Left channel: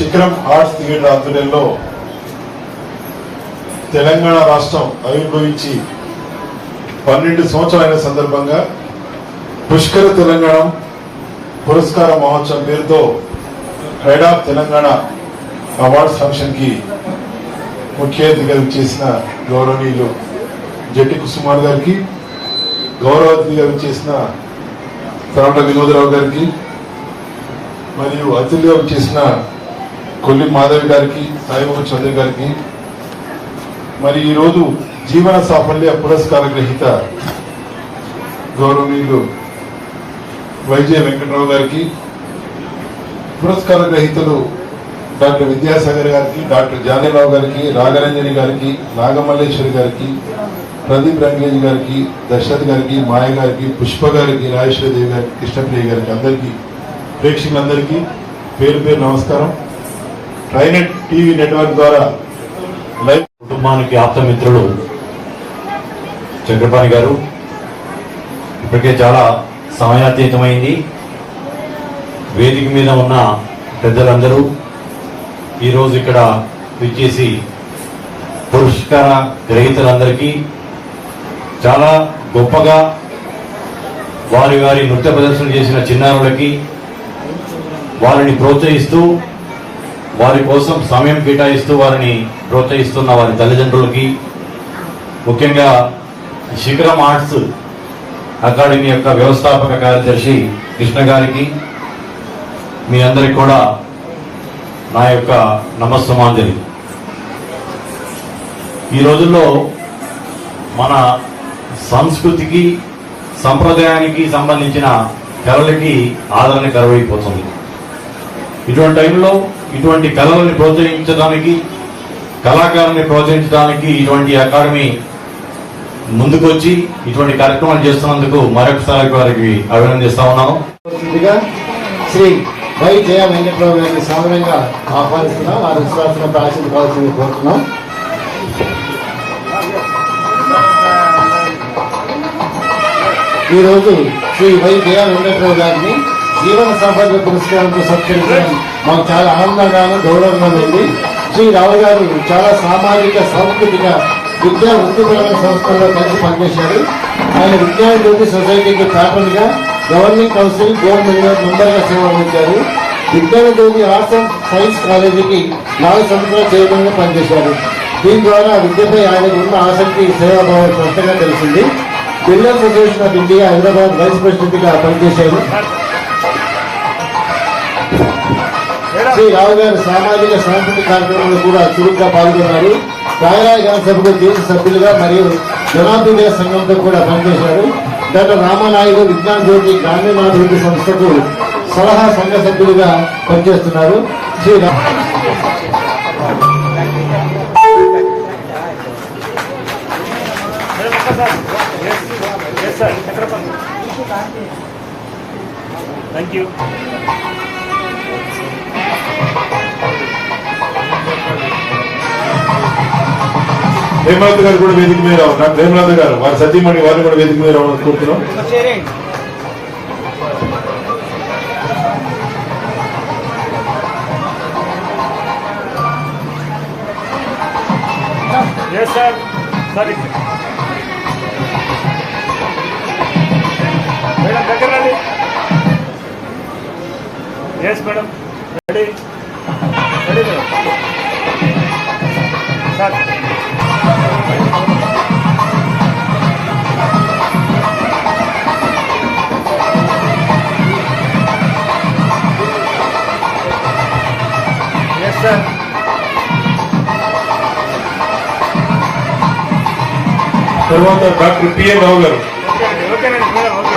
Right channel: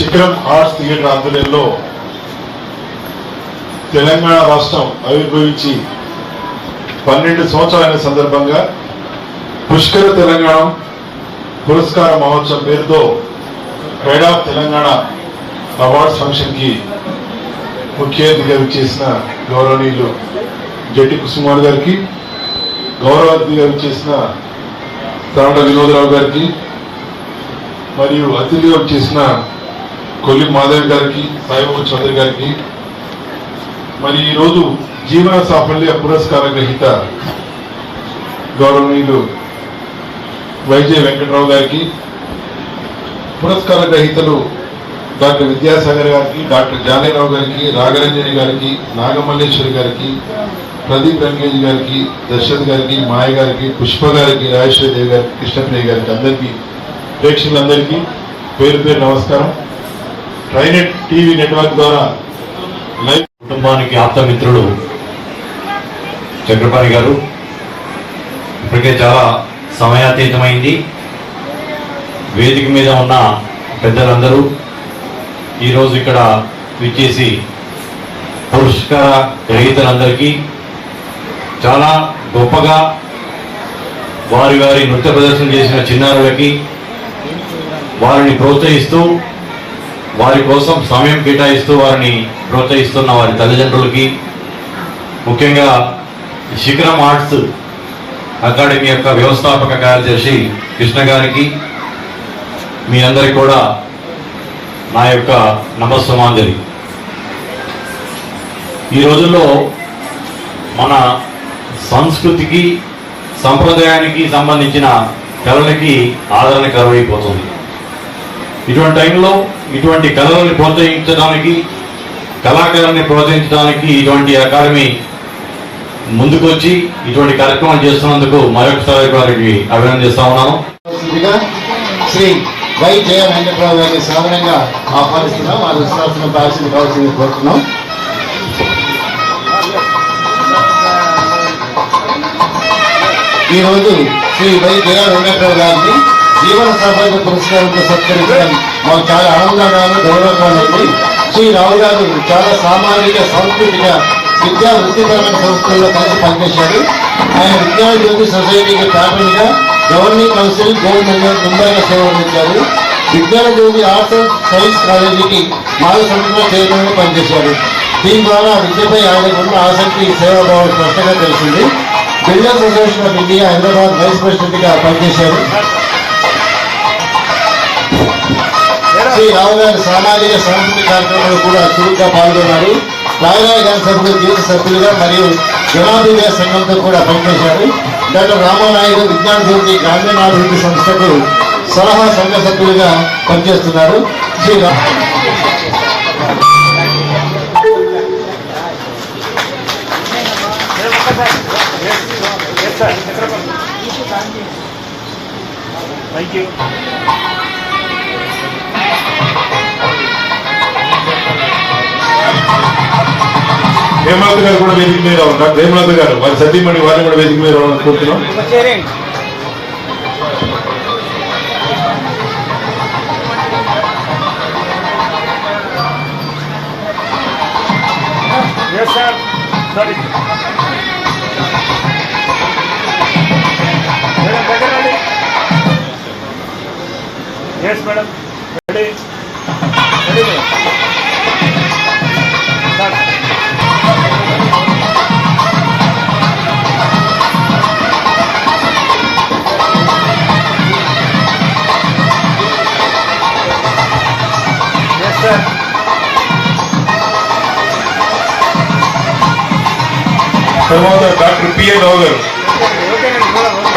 శిఖరం arts theatre ఆధ్వర్యంలో తెలంగాణ రాష్ట్రం ఆవిర్భవించి 12 సంవత్సరాలైన సందర్భంగా పుష్కర తెలంగాణ పురస్కార మహోత్సవం పేరుతో pride of Telangana awards function కి ముఖ్య అతిథిగా చేసిన గౌరవనీయులు జట్టి కుసుమార్ గారికి, గౌరవ అతిథిగా చేసిన తరట వినోదరావు గారికి, మరియు అతిథిగా చేసిన కొల్లి మాధవ్ గారికి, సాయిబాబు చౌదరి గారికి, మరి ఈరోజు జీవన సాఫల్య పురస్కార గ్రహీత గౌరవనీయులు వైజే వెంకటరావు గారికి, పురస్కార గ్రహీతలు డాక్టర్ విద్యాసాగర్ గారికి, డాక్టర్ జానీరావు గారికి, రాఘరంజని గారికి, నాగమల్లేశ్వరి గారికి, ప్రదీప్ రంగేజ్ గారికి, దశరథ్ గారికి, మాయ గారికి, పుష్ప గారికి, రాజేశ్వరదేవి గారికి, కృష్ణప్రియ గారికి, అందరికీ ప్రేక్షకులందరికీ పేరు పేరు నమస్కారం. ట్రైనెట్ టీవీ నెట్వర్క్ ద్వారా లైవ్ కుటుంబానికి ఆప్తమిత్రుడు చక్రపాణి గారు, ఇప్పటికే చాలా సమయాతీతమైంది. వేదిక మీద ఉన్న పెద్దలందరూ ఈరోజు ఇక్కడ విచ్చేసి పురస్కార గ్రహీతలందరికీ చాలా గొప్పగా వారి వారి నృత్య ప్రదర్శన చేసిన చిన్నారులకి వారిని ప్రోత్సహిస్తూ, వారి కోసం సమయం కేటాయిస్తూ వారిని ప్రోత్సహిస్తున్న వారి తల్లిదండ్రులకి, ముఖ్యంగా శిఖరం ఆర్ట్స్ అకాడమీ యొక్క వ్యవస్థాపక కార్యదర్శి కృష్ణ గారికి, మీ అందరికి కూడా నా యొక్క నమస్సుమాంజలి. ఈ రోజుల్లో మన సంస్కృతికి సంప్రదాయానికి సంబంధించిన కళలకి ఆదరణ కరువైపోతుంది. ఇటువంటి టైంలో ఇటువంటి కళలని ప్రోత్సహించడానికి, కళాకారుని ప్రోత్సహించడానికి ఇటువంటి అకాడమీ ముందుకొచ్చి ఇటువంటి కార్యక్రమాలు చేస్తున్నందుకు మరొకసారి వారికి అభినందిస్తా ఉన్నాను. శ్రీ వై జయ వెంకటరావు గారిని సాధారణంగా ఆహ్వానిస్తున్నాం. వారి విశ్వాసం దాల్చిన కావాల్సింది కోరుతున్నాం. ఈరోజు శ్రీ వై జయ వెంకటరావు గారిని జీవన సాఫల్య పురస్కారంతో సత్కరించడం మాకు చాలా ఆనందంగాను గౌరవంగా ఉంది. శ్రీ రావు గారు చాలా సామాజిక సాంస్కృతిక విద్యా వృత్తిపరమైన సంస్థల్లో కలిసి పనిచేశారు. ఆయన విద్యాజ్యోతి సొసైటీకి ప్యాటర్న్గా గవర్నింగ్ కౌన్సిల్ గోల్డ్ మెంబర్గా సేవలు అందించారు. విద్యాజ్యోతి ఆర్ట్స్ అండ్ సైన్స్ కాలేజీకి 4 సంవత్సరాల చైర్మన్గా పనిచేశారు. దీని ద్వారా విద్యపై ఆయనకున్న ఆసక్తి సేవాభావం స్పష్టంగా తెలిసింది. Builders association of India Hyderabad vice ప్రెసిడెంట్గా పనిచేశారు. శ్రీ రావు గారు సామాజిక సాంస్కృతిక కార్యక్రమాలు కూడా చురుగ్గా పాల్గొన్నారు. రాయరాయ గారి సభకు జీవిత సభ్యులుగా మరియు జనాభిప్రాయ సంఘంతో కూడా పనిచేశారు. డాక్టర్ రామానాయుడు విజ్ఞాన జ్యోతి గ్రామీణాభివృద్ధి సంస్థకు సలహా సంఘ సభ్యులుగా పనిచేస్తున్నారు. శ్రీ హేమలత గారు కూడా వేదిక మీద ఉన్నారు. హేమలత గారు వారి సతీమణి వారిని కూడా వేదిక మీద కోరుతున్నాం. మేడం దగ్గర రండి. Yes madam, ready ready madam. Sir yes sir. తర్వాత డాక్టర్ పిఏ రావు గారు. ఓకేనండి మేడం, ఓకే.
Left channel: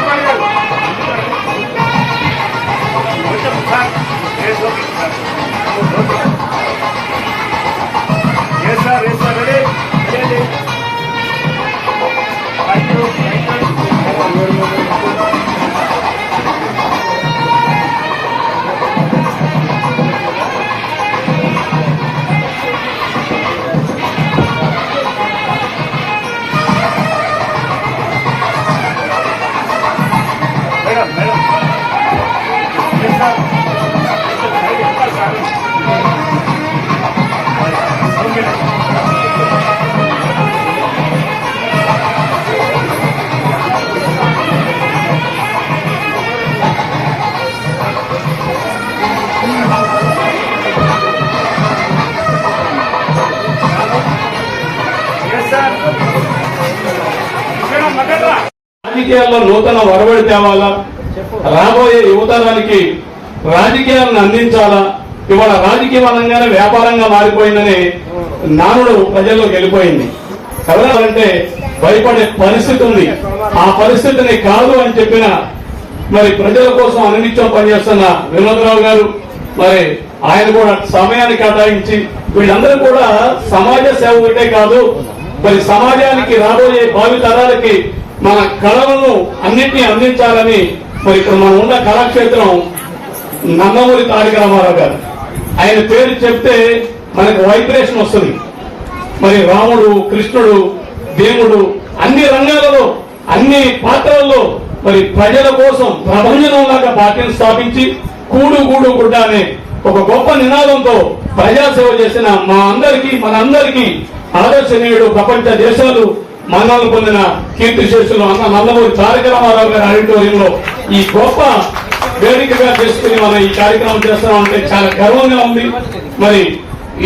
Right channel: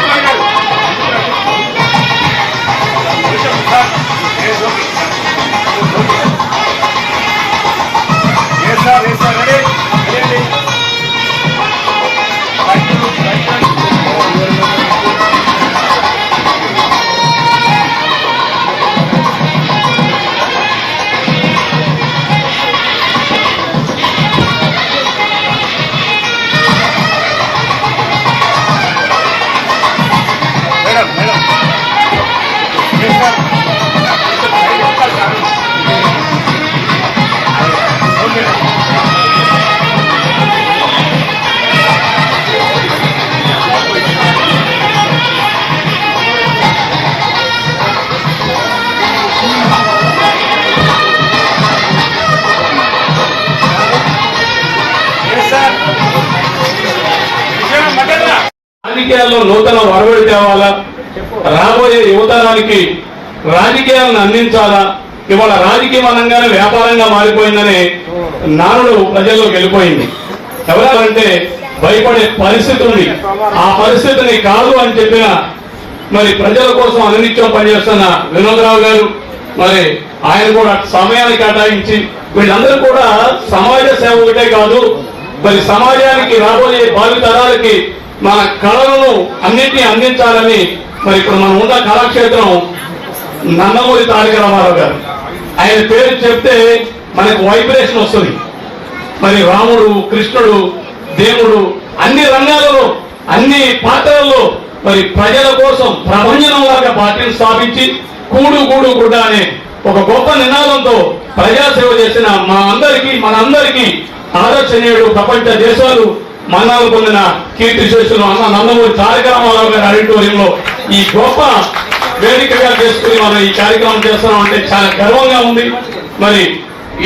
సార్ ఏ సార్ రెడీ రెడీ. రాజకీయాల్లో నూతన ఒరవడి తేవాలా, రాబోయే యువతరానికి రాజకీయాలను అందించాలా. ఇవాళ రాజకీయం అనగానే వ్యాపారంగా మారిపోయిందనే నానుడు ప్రజల్లోకి వెళ్ళిపోయింది. ఎవరంటే భయపడే పరిస్థితి ఉంది. ఆ పరిస్థితిని కాదు అని చెప్పిన మరి ప్రజల కోసం అనునిత్యం పనిచేస్తున్న వినోదరావు గారు, మరి ఆయన కూడా సమయాన్ని కేటాయించి వీళ్ళందరూ కూడా సమాజ సేవ ఒకటే కాదు, మరి సమాజానికి రాబోయే భావితరాలకి మన కళలను అన్నింటినీ అందించాలని మరి ఇప్పుడు మనం ఉన్న కళాక్షేత్రం నందమూరి తారక రామారావు గారు. ఆయన పేరు చెప్తే మనకు వైబ్రేషన్ వస్తుంది. మరి రాముడు, కృష్ణుడు, దేవుడు అన్ని రంగాలలో అన్ని పాత్రల్లో మరి ప్రజల కోసం ప్రపంచంలాగా పార్టీని స్థాపించి కూడు గూడు గుడ్డ అనే ఒక గొప్ప నినాదంతో ప్రజాసేవ చేసిన మనందరికీ ఆదర్శనీయుడు, ప్రపంచ దేశాలు మన్నాలు పొందిన కీర్తిశేషులు అన్న నందమూరి తారక రామారావు గారి ఆడిటోరియంలో ఈ గొప్ప వేదికగా చేసుకుని మనం ఈ కార్యక్రమం చేస్తున్నామంటే చాలా గర్వంగా ఉంది. మరి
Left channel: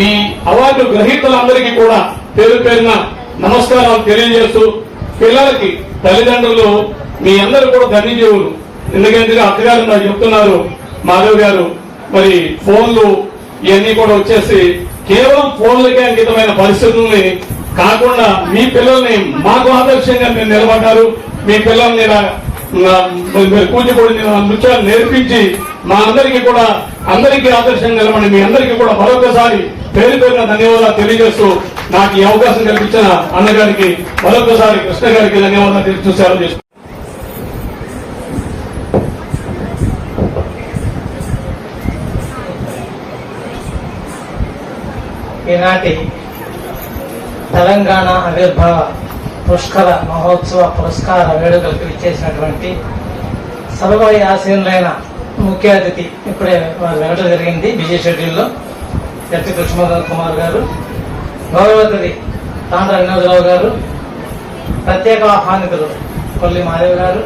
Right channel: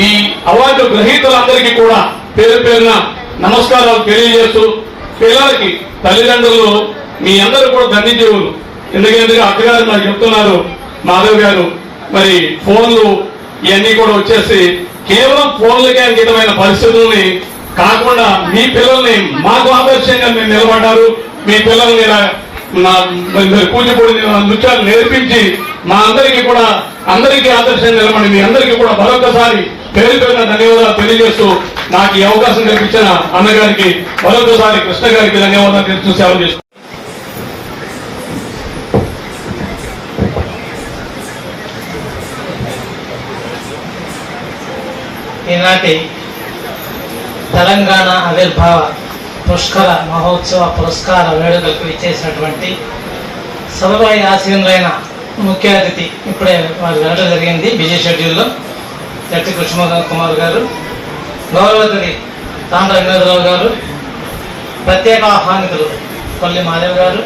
ఈ అవార్డు గ్రహీతలందరికీ కూడా పేరు పేరున నమస్కారాలు తెలియజేస్తూ, పిల్లలకి తల్లిదండ్రులు మీ అందరూ కూడా ధన్యజీవులు. ఎందుకంటే అక్కగారు నాకు చెప్తున్నారు, మాధవ్ గారు, మరి ఫోన్లు ఇవన్నీ కూడా వచ్చేసి కేవలం ఫోన్లకే అంకితమైన పరిస్థితుల్ని కాకుండా మీ పిల్లల్ని మాకు ఆదర్శంగా మీరు నిలబడ్డారు. మీ పిల్లల్ని కూచిపూడి నృత్యాలు నేర్పించి మా అందరికీ ఆదర్శంగా నిలబడి మీ అందరికీ కూడా మరొకసారి పేరు పేరున ధన్యవాదాలు తెలియజేస్తూ నాకు ఈ అవకాశం కల్పించిన అన్నగారికి మరొకసారి కృష్ణ గారికి ధన్యవాదాలు తెలుస్తూ సేవ చేస్తూ ఈనాటి తెలంగాణ ఆవిర్భావ పుష్కర మహోత్సవ పురస్కార వేడుకలకు ఇచ్చేసినటువంటి సభపై ఆసీనులైన ముఖ్య అతిథి ఇప్పుడే వారు వెళ్ళడం జరిగింది బిజీ షెడ్యూల్లో. జట్టి కృష్ణ కుమార్ గారు, గౌరవతిథి తాండ్ర వినోదరావు గారు, ప్రత్యేక ఆహ్వానితులు కొల్లి మాధవ్ గారు,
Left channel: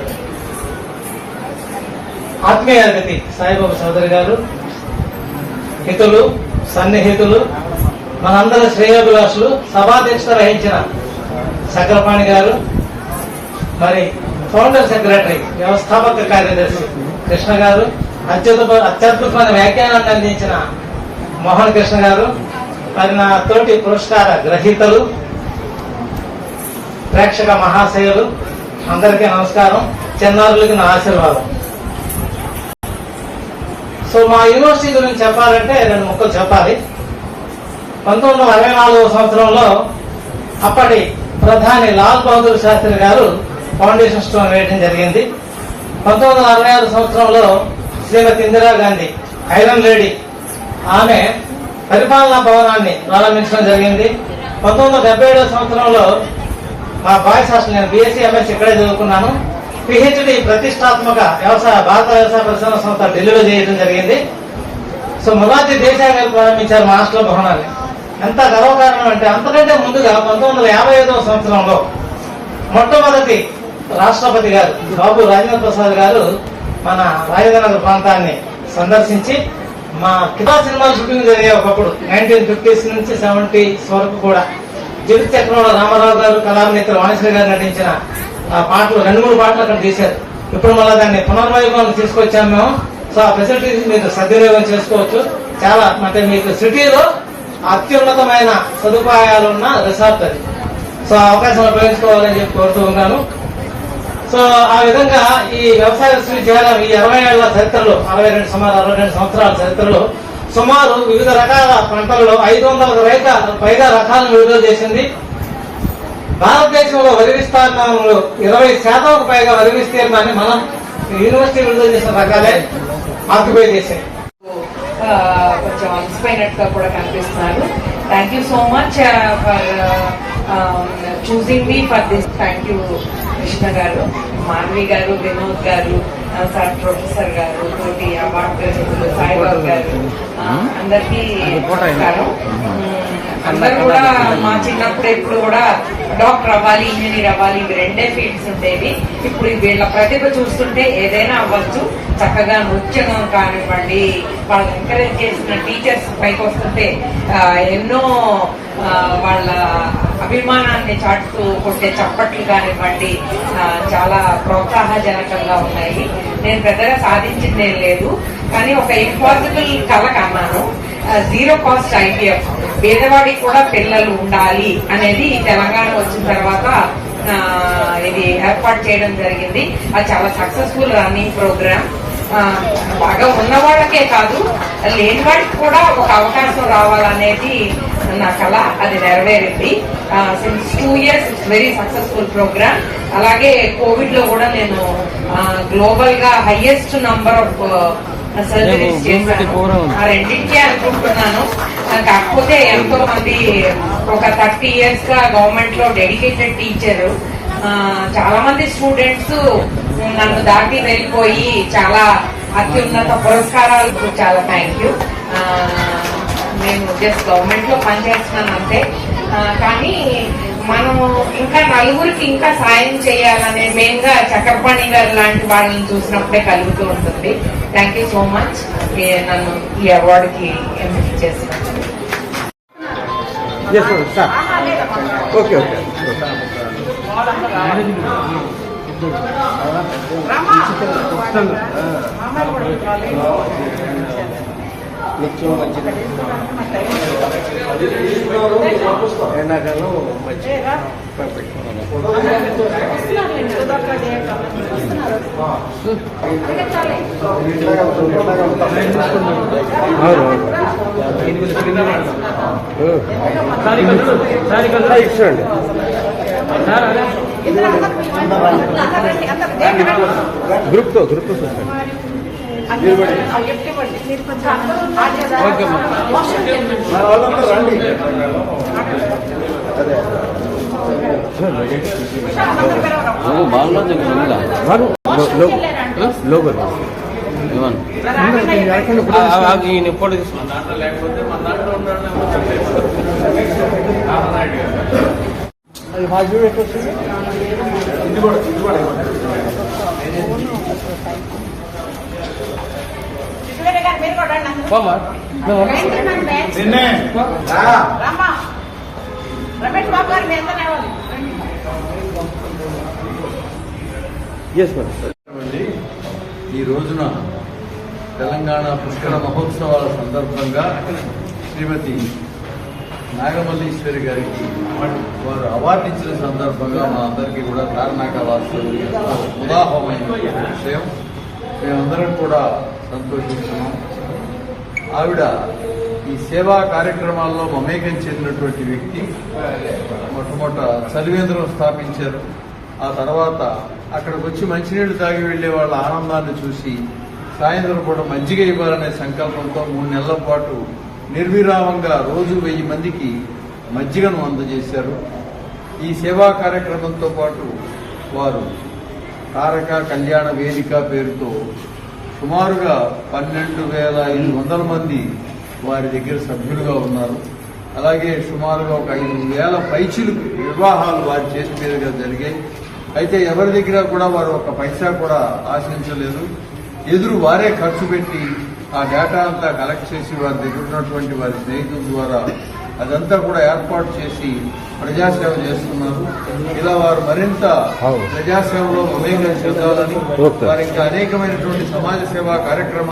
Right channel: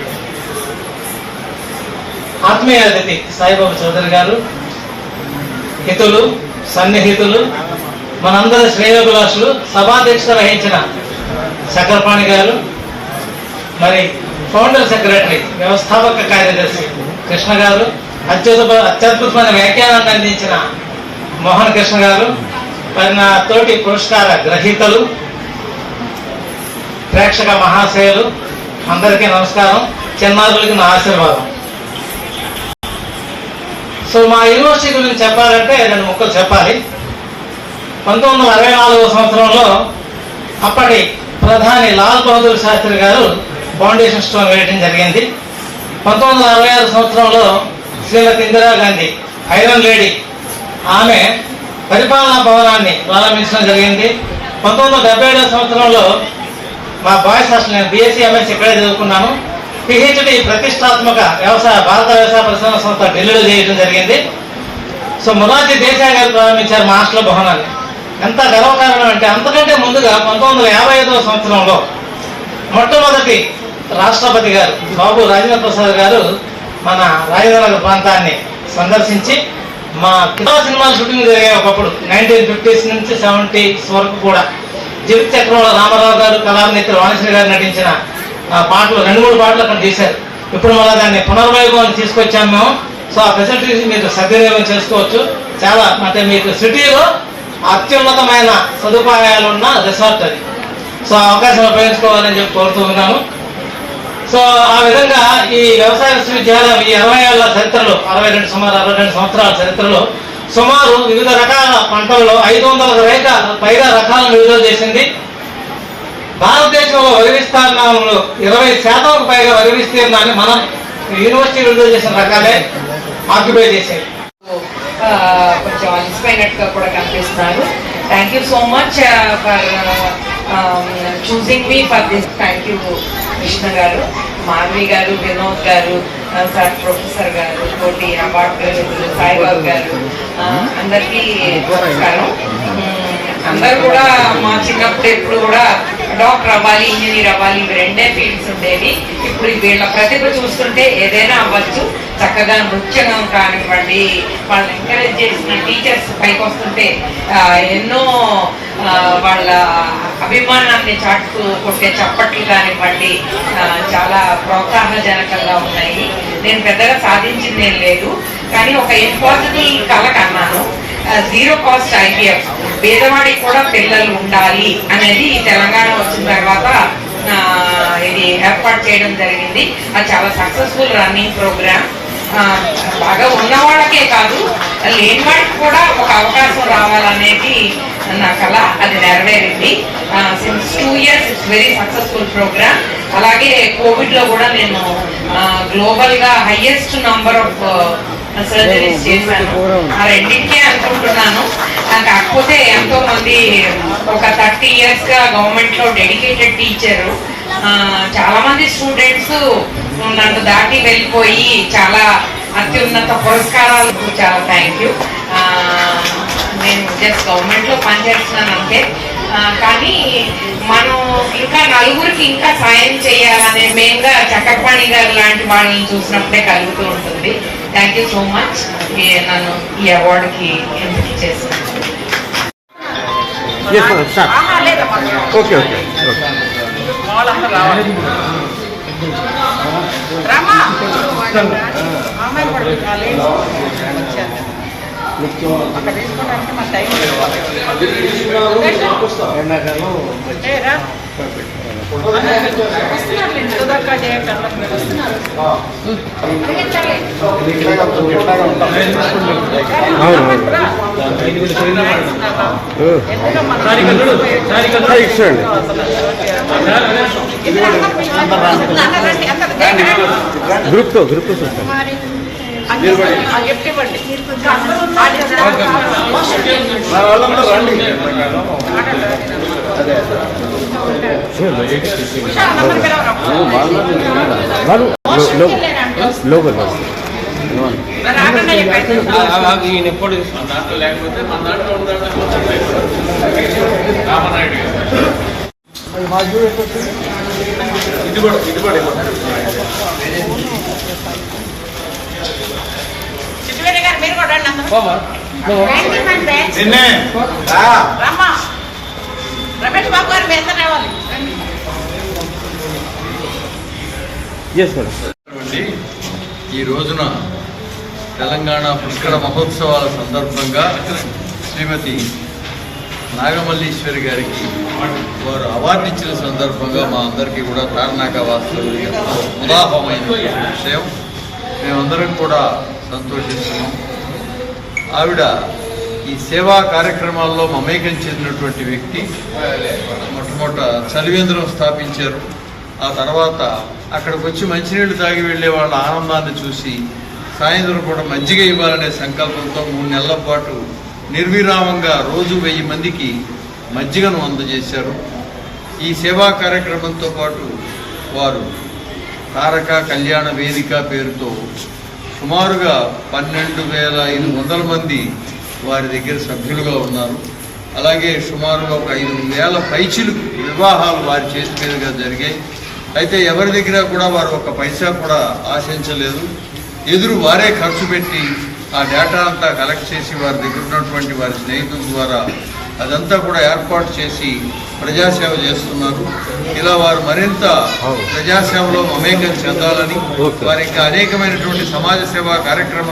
ఆత్మీయ అతిథి సాయిబాబు చౌదరి గారు, హితులు సన్నిహితులు మనందరి శ్రేయోభిలాషులు, సభాధ్యక్షత వహించిన చక్రపాణి గారు, మరి ఫౌండర్ సెక్రటరీ వ్యవస్థాపక కార్యదర్శి కృష్ణ గారు, అత్యద్భుతమైన వ్యాఖ్యానాన్ని అందించిన మోహన్ కృష్ణ గారు, మరి నా తోటి పురస్కార గ్రహీతలు, ప్రేక్షక మహాశయులు అందరికీ నమస్కారం. చిన్నారులకి నా ఆశీర్వాదం. సో మా యూనివర్సిటీ గురించి చెప్పాలంటే 2 ముక్కలు చెప్పాలి. 1964 సంవత్సరంలో అప్పటి ప్రధాని లాల్ బహదూర్ శాస్త్రి గారు ఫౌండేషన్ స్టోన్ వేయడం జరిగింది. 1966 సంవత్సరంలో శ్రీమతి ఇందిరాగాంధీ ఐరన్ లేడీ ఆమె పరిపాలనా భవనాన్ని ప్రారంభించడం జరిగింది. 1977 సంవత్సరంలో మా బాయ్స్ హాస్టల్, నేను బీఎస్సీ ఎంఎస్సీ ఇక్కడే చదువుకున్నాను. పిహెచ్డి ప్రతిష్టాత్మక భారత వ్యవసాయ పరిశోధన సంస్థ ఢిల్లీలో చేయడం జరిగింది. సో మొరార్జీ దేశాయ్ గారు ప్రారంభించారు మా హాస్టల్ భవనాన్ని. ఎంత గర్వకారణం అంటే అంతకంటే ముందుగా 1955 సంవత్సరంలో మొట్టమొదటి రాష్ట్రపతి గారు బాబు రాజేంద్ర ప్రసాద్ గారు మన రాజేంద్రనగర్ ప్రాంతాన్ని సందర్శించి మా కితా సినిమాలు షూటింగ్ జరిగాయి ఒకప్పుడు 1950s నుంచి 70s వరకు కూడా. జీవిత చక్రంలో రామారావు గారు, కళానేత్రి వాణిశ్రీ గారు నటించిన పాటలు 2-3 పాటలు అక్కడ చేశారు. ఇప్పుడు మళ్ళీ దాన్ని పునర్వైభవాన్ని తీసుకొచ్చాము మేము. సో ఆ ఫెసిలిటీస్ మీరు సద్వినియోగం చేసుకోవచ్చు. చాలా అంటే మీకు సిటీలో అత్యున్నతమైన సదుపాయాలు ఉన్న రిసార్ట్ అది. సో అవకాశం ఉపయోగించుకోవాలని చెప్పి కోరుతూ ఉన్నాను. సో ఆ విధంగా ఈ వ్యవసాయ విశ్వవిద్యాలయం ఈ 60 ఏళ్ల చరిత్రలో, 62 సంవత్సరాల చరిత్రలో సుమారు వివిధ రకాల పంటలలో 500 పైగా రకాలను విడుదల చేసింది. భారతదేశంలో వరి విస్తీర్ణంలో 20% పైగా వరి విస్తీర్ణాన్ని మనం యూనివర్సిటీ విడుదల చేసిన రకాలే ఆక్యుపై చేశాయి. కొంచెం అలసిపోయినట్టుగా కూడా కనిపిస్తున్నారు. Thank you so much for choosing me for this. Thank you Krishna గారు, మాధవి గారు, వినోద్ గారు, సార్ ప్రొఫెసర్ గారు, తోటి అవార్డు గ్రహీతలు సాయిబాబు గారు, అందరికీ నమస్కారం. అందరూ కూడా మా చిన్నప్పుడు ఎప్పుడు కూడా డాక్టర్ అవ్వాలి, ఇంజనీర్ అవ్వాలి, ఇవి 2 ఫీల్డ్స్ ఉండేవి. ఇప్పుడు వీళ్ళ ప్రతిభ చూస్తుంటే ఏదైనా అవ్వచ్చు. చక్కగా నృత్యం కానివ్వండి, వాళ్ళు ఎంకరేజ్ చేసిన టీచర్స్ పైకి వస్తుంటే ఎన్నో వాళ్ళ అభిమానాన్ని చాటుతూ కొట్టే చప్పట్లు కానివ్వండి చాలా ప్రోత్సాహజనకంగా ఉన్నాయి. నేను పెద్దగా సాధించింది ఏం లేదు, కానీ ఒక ఇంపాసిబుల్ కళ కన్నాను. 0 కాస్ట్ IVF, పేదవాడికి కూడా పిల్లలు ఉండాలి అనేది తెలంగాణ వచ్చిన తర్వాత ఇది ఏర్పాటు చేయడం జరిగింది. అది చాలా సక్సెస్ఫుల్ రన్నింగ్ ప్రోగ్రామ్. బాగా ఉన్న వాళ్ళకే కాదు, లేని వాడికి కూడా ఒక అవకాశం రావాలనేది నా కళ. అది నెరవేరింది. Since 2 years it's very successful programme. అలాగే కోవిడ్లో కూడా నేను గ్లోబల్గా హైయెస్ట్ నంబర్ ఆఫ్ సర్జరీస్ చేశాను. ఆ రెండింటికే అనుకుంటున్నాను. కాకపోతే ఎంతో మంది ఒక 30 years గా గవర్నమెంట్ లో డెడికేటెడ్ టీచరు, చాలా మంది స్టూడెంట్స్ నన్ను దాటి వెళ్ళిపోయి చాలా అత్యున్నత పురస్కారాలు. చాలా థ్యాంక్ యూ. నేను జస్ట్ గవర్నమెంట్ లో పనిచేస్తున్నాను అంతే. కానీ మనం ఇంకా నలుగురికి ఇంకా సాయం చేయాలనే మెయిన్గా చక్రపాణి గారు లాంటి వాళ్ళని చూసినప్పుడే కలుగుతూ ఉంటుంది. థ్యాంక్ యూ సో మచ్ నన్ను ఈ అవార్డుకి ఎంపిక చేసినందుకు. గ్రూప్ రమేష్ బాబు గారు మీ ఎంత రావాలి? ఈ రోజున తెలంగాణ పుష్కర మహోత్సవాల సందర్భంగా శ్రీమతి నాగమల్లీశ్వరి గారికి వారు అవార్డు ఇచ్చిన సందర్భంగా మా అందరికీ కూడా తార్నాక వాస్తవులు ఎంతో ఉదాహమైన విషయం. మేమందరం కూడా సంతోషిస్తున్నాం. ఆవిడ ఈ సేవా కార్యక్రమాల్లో మమేకం చెందినటువంటి వ్యక్తి. మొట్టమొదట చలివేంద్రం స్థాపించారు. ఆ తర్వాత అక్కడికి వచ్చి మంచినీళ్ళు తాగి వెళ్ళే వాళ్ళ ఆనందాన్ని చూసి సాయంత్రం కూడా మజ్జిగ ఇవ్వాలనే సంకల్పంతో 3 నెలల పాటు నిర్విరామంగా రోజు 1000 మందికి మజ్జిగను అందజేశారు. ఈ సేవా కార్యక్రమంతో పాటు వారు తారక కళ్యాణ వేదిక పేరుతో సుమారుగా 12,500 మంది వారి దగ్గర సభ్యులుగా ఉన్నారు. అలాగే సుమారుగా ఒక 5,000 పైచిలుకు వివాహాలు వారి చేతి మీదుగా జరిగాయి. అయితే ఎవరి దగ్గర కూడా వారు ఒక పైసా కూడా ఆశించలేదు. ఎదురు వారే ఖర్చు పెట్టి ఆ డేటా అంతా కలెక్ట్ చేసి వారి దగ్గర ఉన్నటువంటి వారి స్నేహితుల ద్వారా అదంతా కూడా ఏర్పాటు చేసి ప్రజాసేవ చేస్తున్నారు. ఇలా వారు మరింత ప్రజాసేవలో మమేకం చెందాలని వారికి అనేకమైనటువంటి సమాజ సేవా కార్యక్రమాలు